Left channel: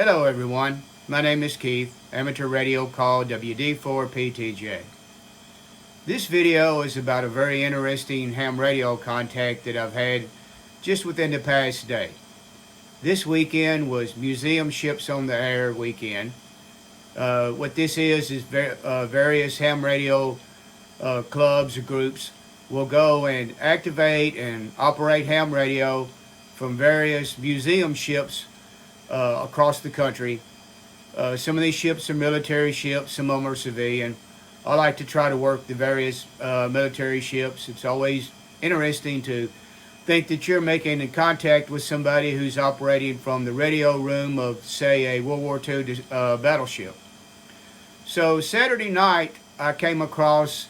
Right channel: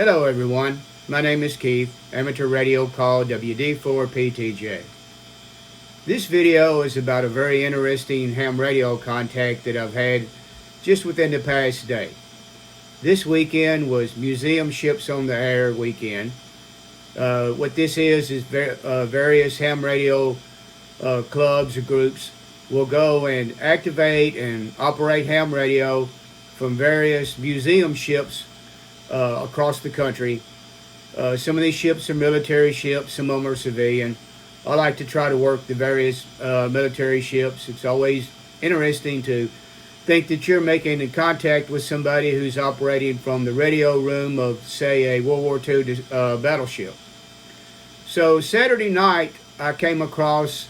Hello everyone, my name is Keith, amateur radio call WD4PTJ. This video is about a very interesting ham radio contact that I've had just within the past day. This weekend was Museum Ships on the Air weekend. What this is various ham radio clubs or groups will go and activate and operate ham radio from various museum ships across the country. Some of these ships are military ships, some of them are civilian. I like to try to work the various military ships. It's always interesting to think that you're making contact with somebody who's operating from the radio room of, say, a World War II battleship. So Saturday night, I came across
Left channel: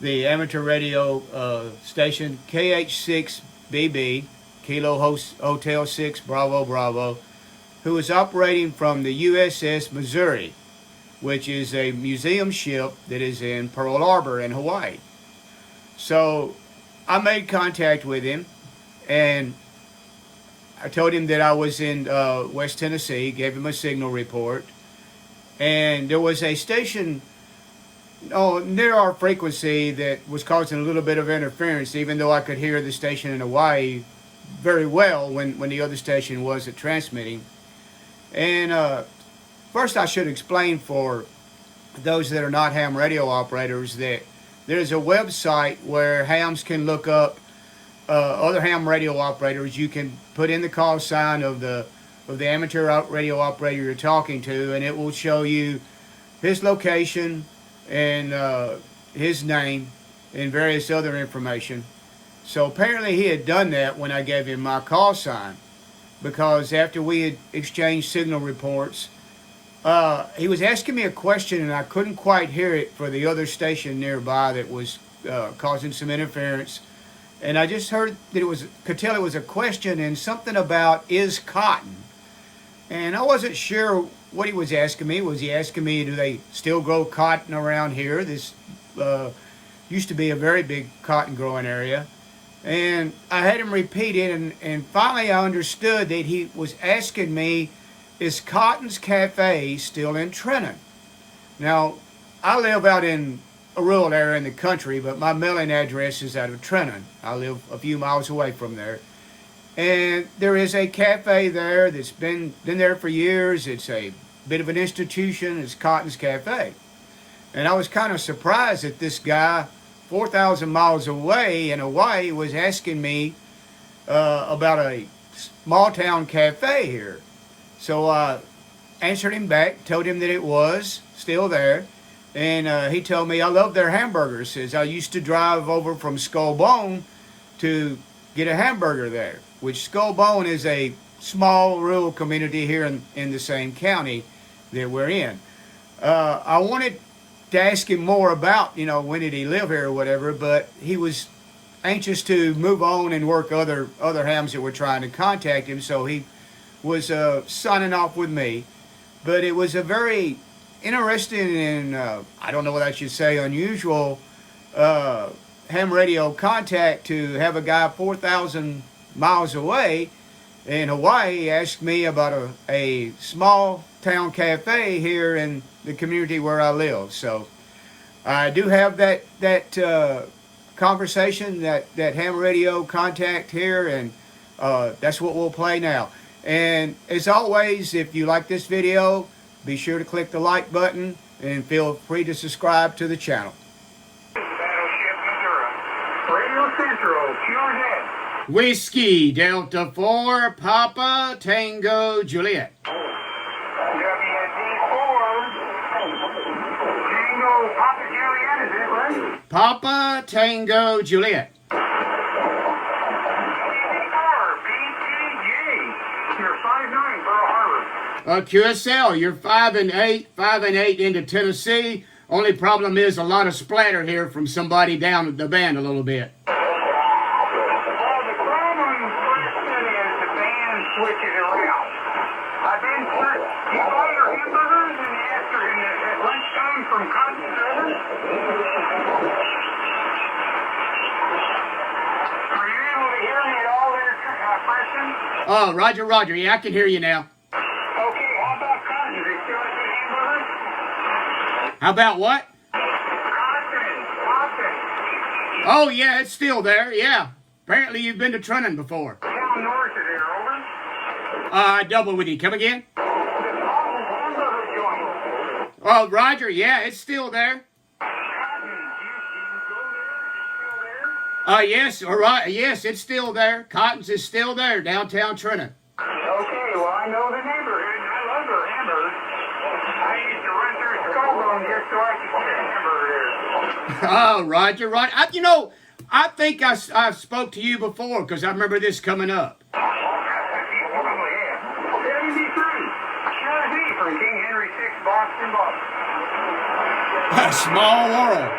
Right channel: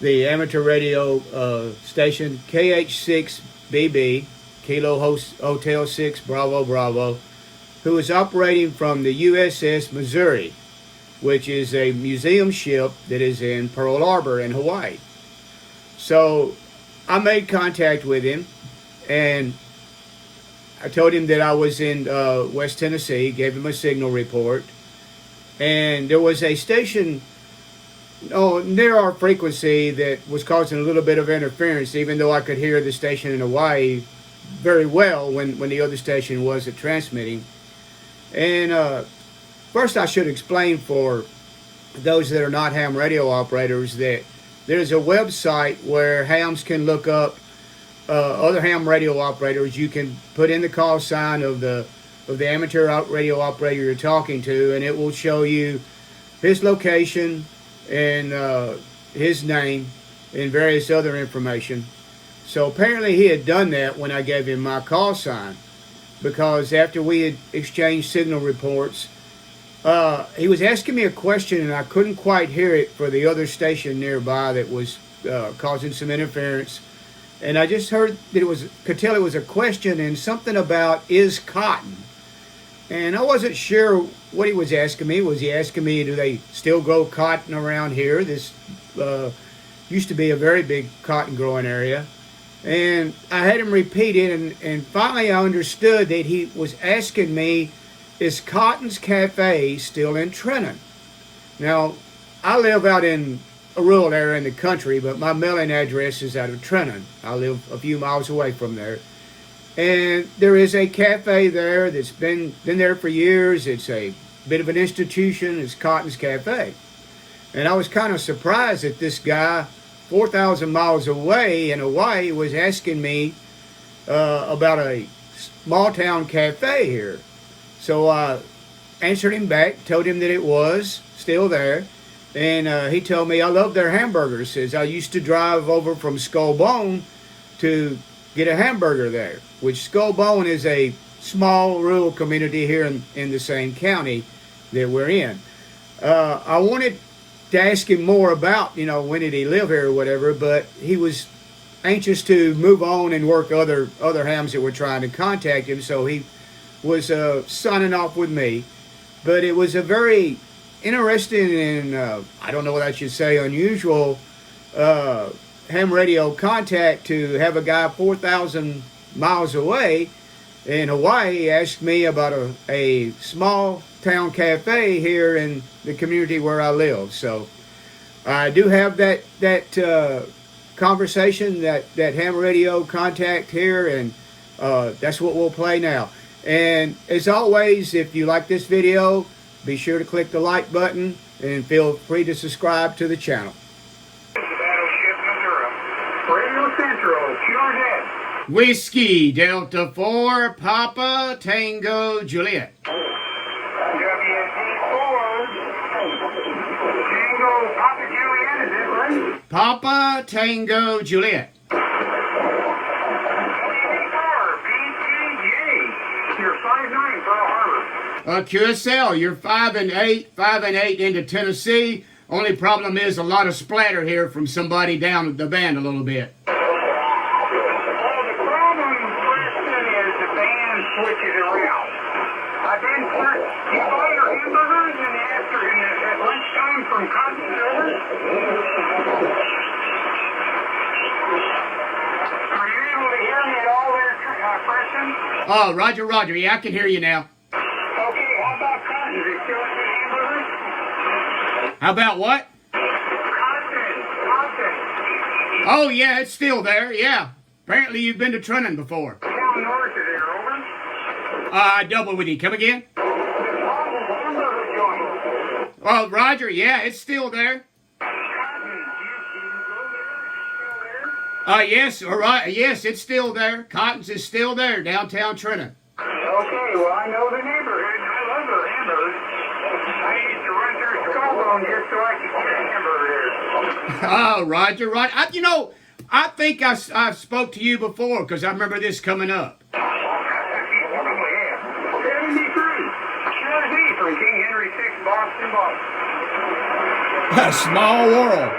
the amateur radio station KH6BB, Kilo Hotel 6 Bravo Bravo, who is operating from the USS Missouri, which is a museum ship that is in Pearl Harbor in Hawaii. So I made contact with him, and I told him that I was in West Tennessee, gave him a signal report, and there was a station near our frequency that was causing a little bit of interference, even though I could hear the station in Hawaii very well when the other station wasn't transmitting. And first I should explain for those that are not ham radio operators that there's a website where hams can look up other ham radio operators. You can put in the call sign of the amateur radio operator you're talking to, and it will show you his location and his name and various other information. So apparently he had done that when I gave him my call sign, because after we had exchanged signal reports, he was asking me a question and I couldn't quite hear it for the other station nearby that was causing some interference. And I just heard that could tell it was a question and something about is cotton. And I wasn't sure what he was asking me. Was he asking me, do they still grow cotton around here? This used to be a very big cotton growing area. And I had him repeat it, and finally I understood that he was asking me, is Cotton's Cafe still in Trenton? Now, I live out in a rural area in the country, but my mailing address is out of Trenton. I live a few miles away from there. And there is a cafe there that's been there for years. It's a bit of an institution. It's Cotton's Cafe. And I was kind of surprised that this guy 4,000 miles away in Hawaii was asking me about a small town cafe here. So I answered him back, told him that it was still there. And he told me, I love their hamburgers. Says, I used to drive over from Skull Bone to get a hamburger there, which Skull Bone is a small rural community here in the same county that we're in. I wanted to ask him more about, when did he live here or whatever, but he was anxious to move on and work other hams that were trying to contact him, so he was signing off with me. But it was a very interesting and, I don't know what I should say, unusual ham radio contact to have a guy 4,000 miles away in Hawaii ask me about a small town cafe here in the community where I live. So I do have that conversation, that ham radio contact here, and that's what we'll play now. And as always, if you like this video, be sure to click the like button and feel free to subscribe to the channel. Battleship Missouri. Radio Central, pure dead. Whiskey Delta 4 Papa Tango Juliet. WD4 Tango Papa Juliet, is it right? Papa Tango Juliet. PTJ. You're 5'9", Pearl Harbor. QSL, you're 5 and 8 into Tennessee. Only problem is a lot of splatter here from somebody down at the band a little bit. Switches around. I've been you buy your hamburgers and at lunchtime from Cotton Brothers? Are you able to hear me at all there, Preston? Oh, Roger. Yeah, I can hear you now. Okay, how about Cotton's is still at the hamburgers? How about what? Cotton. Oh, yeah, it's still there, yeah. Apparently you've been to Trenton before. Down north of there, over. Double with you. Come again? Hamburger joint. Well, Roger, yeah, it's still there. Cotton, you go there? Still there? Yes, all right. Yes, it's still there. Cotton's is still there, downtown Trenton. Okay, well, I know the neighborhood. I love their hamburgers. I used to run through Scarborough just so I could get a hamburger there. Oh, Roger, right. I think I spoke to you before because I remember this coming up. Oh, yeah. 73. Sure is from King Henry VI, Boston, Boston. A small world.